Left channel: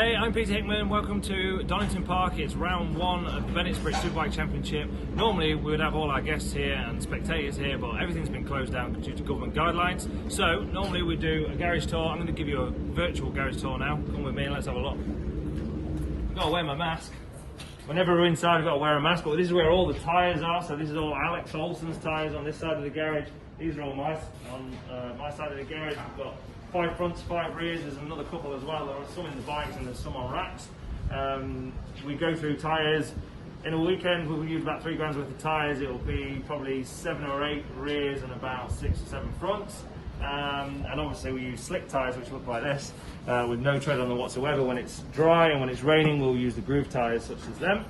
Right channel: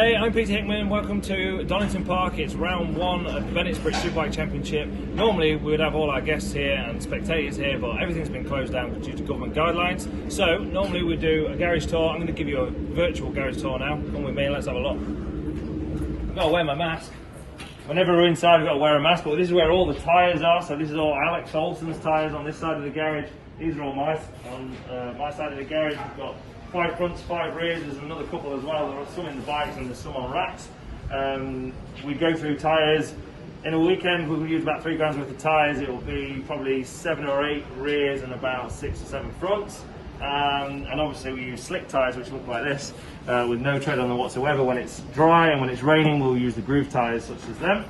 Hey, I'm Peter Hickman. Welcome to Donington Park. It's round one of the British Superbike Championship. Normally we would have all our guests here and spectators here, but everything's been closed down due to government guidelines. So normally we do a garage tour. I'm going to give you a virtual garage tour now. Come with me and let's have a look. I've got to wear my mask. Whenever we're inside, we've got to wear a mask, but this is where all the tyres are. So this is all Alex Olsen's tyres on this side of the garage. These are all mine on my side of the garage. We've got 5 fronts, 5 rears. There's another couple as well. There are some in the bikes and there's some on racks. We go through tyres. In a weekend, we'll use about 3 grams worth of tyres. It will be probably 7 or 8 rears and about 6 or 7 fronts. And obviously we use slick tyres which look like this with no tread on them whatsoever. When it's dry and when it's raining, we'll use the groove tyres such as them.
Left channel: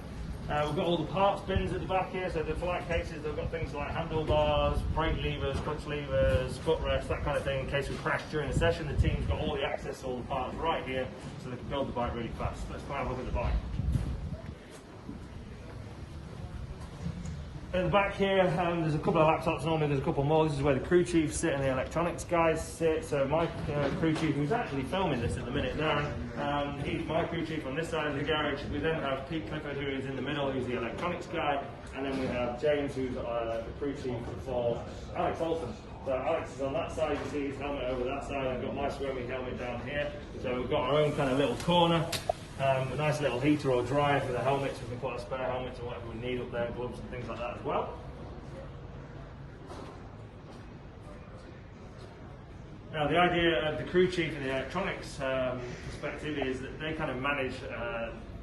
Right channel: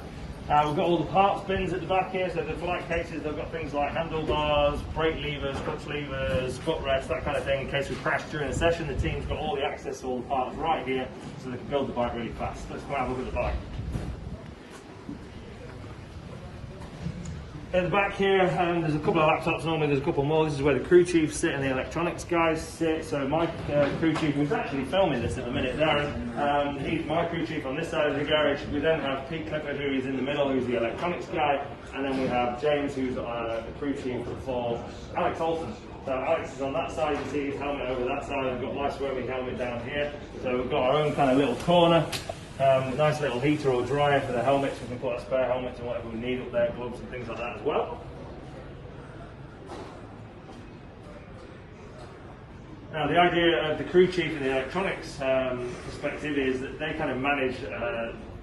We've got all the parts bins at the back here, so the flight cases, they've got things like handlebars, brake levers, clutch levers, footrests, that kind of thing. In case we crash during a session, the team's got all the access to all the parts right here, so they can build the bike really fast. Let's go have a look at the bike. At the back here, there's a couple of laptops. Normally there's a couple more. This is where the crew chiefs sit and the electronics guys sit. So my crew chief, who's actually filming this at the minute, Darren, he's my crew chief on this side of the garage. We then have Pete Clifford, who is in the middle, who's the electronics guy. And then we have James, who's the crew chief for Alex Olsen. So Alex is on that side, you can see his helmet over that side. We've got my swerving helmet down here. So we've got our own kind of little corner. A nice little heater or dryer for the helmets. We can put our spare helmets and whatever we need up there, gloves and things like that as well. Now the idea of the crew chief and the electronics perspective is that they kind of manage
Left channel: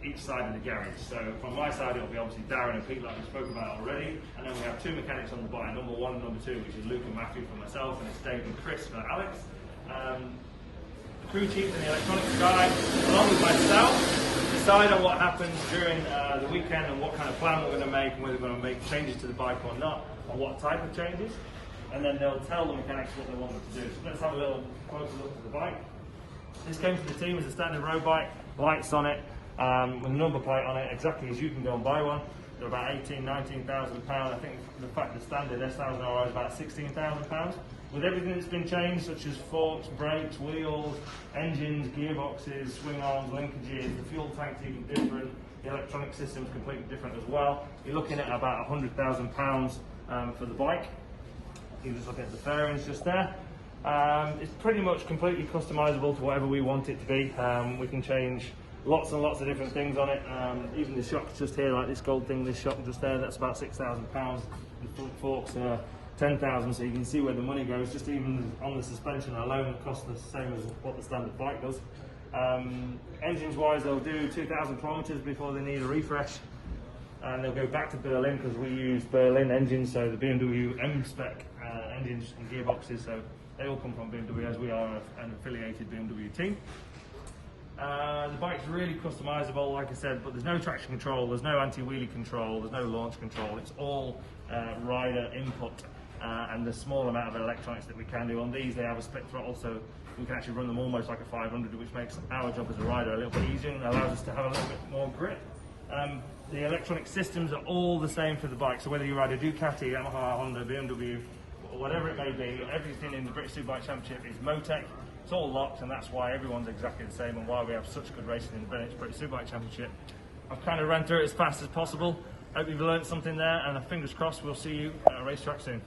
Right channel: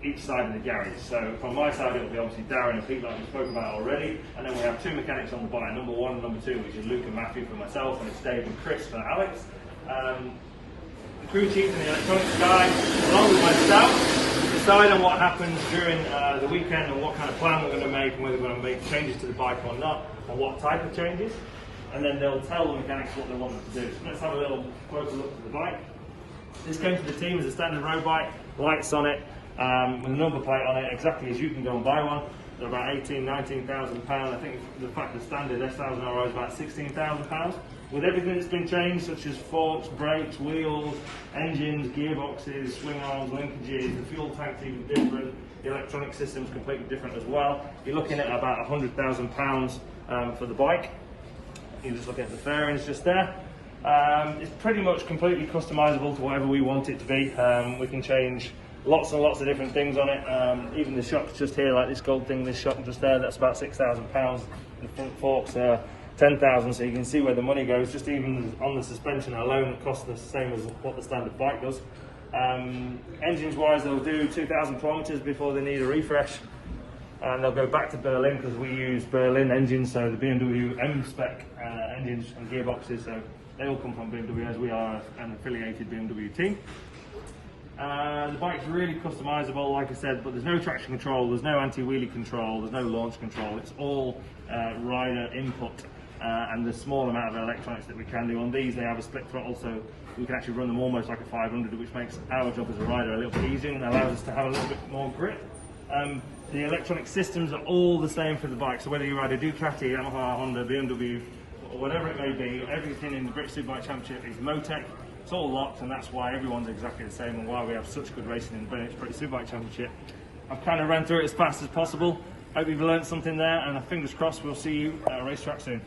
each side of the garage. So from my side it will be obviously Darren and Pete like we spoke about already, and then we have 2 mechanics on the bike, number 1 and number 2, which is Luke and Matthew for myself, and it's Dave and Chris for Alex. The crew chief and the electronics guy, along with myself, decide on what happens during the weekend and what kind of plan we're going to make, and whether we're going to make changes to the bike or not, and what type of changes. And then they'll tell the mechanics what they want them to do. So let's have a little closer look at the bike. This came to the team as a standard road bike, lights on it, with a number plate on it, exactly as you can go and buy one. They're about £19,000. I think the fact the standard S1000R is about £16,000. With everything that's been changed, such as forks, brakes, wheels, engines, gearboxes, swing arms, linkages, the fuel tank's even different, the electronic system's completely different as well. You're looking at about £100,000 for the bike. You just look at the fairings just there. It's pretty much completely customizable to whatever we want it to be. We can change lots and lots of different things on it. Even the shocks just here, like this gold thing, this shock just there, that's about £6,000. The front forks are 10,000, so you can see where the money goes. Just even on the suspension alone, it costs the same as what the standard bike does. Engines wise, they'll do 2,000 kilometers before they need a refresh, and they'll go back to Berlin because we use Berlin engines, so the BMW M-spec engines and gearboxes, so they all come from BMW as we are an affiliated BMW team. The bike's really customizable, like I said, but there's no traction control, there's no anti-wheelie control, there's no launch control. It's all rider input and the small amount of electronics that we can do. On these, they have a split throttle, so we can actually run them almost like a 500, which makes our job as a rider a little bit easier and allows us to have a little bit more grip. The electronic systems are all the same for the bike, so whether you ride a Ducati, Yamaha, Honda, BMW, or whatever it may be, everything in the British Superbike Championship is Motec. It's all locked, and that's why everyone's exactly the same and why we have such good racing in the British Superbike Championship. I've kind of ran through it as fast as possible. Hope you've learned something there, and fingers crossed we'll see you at a racetrack soon.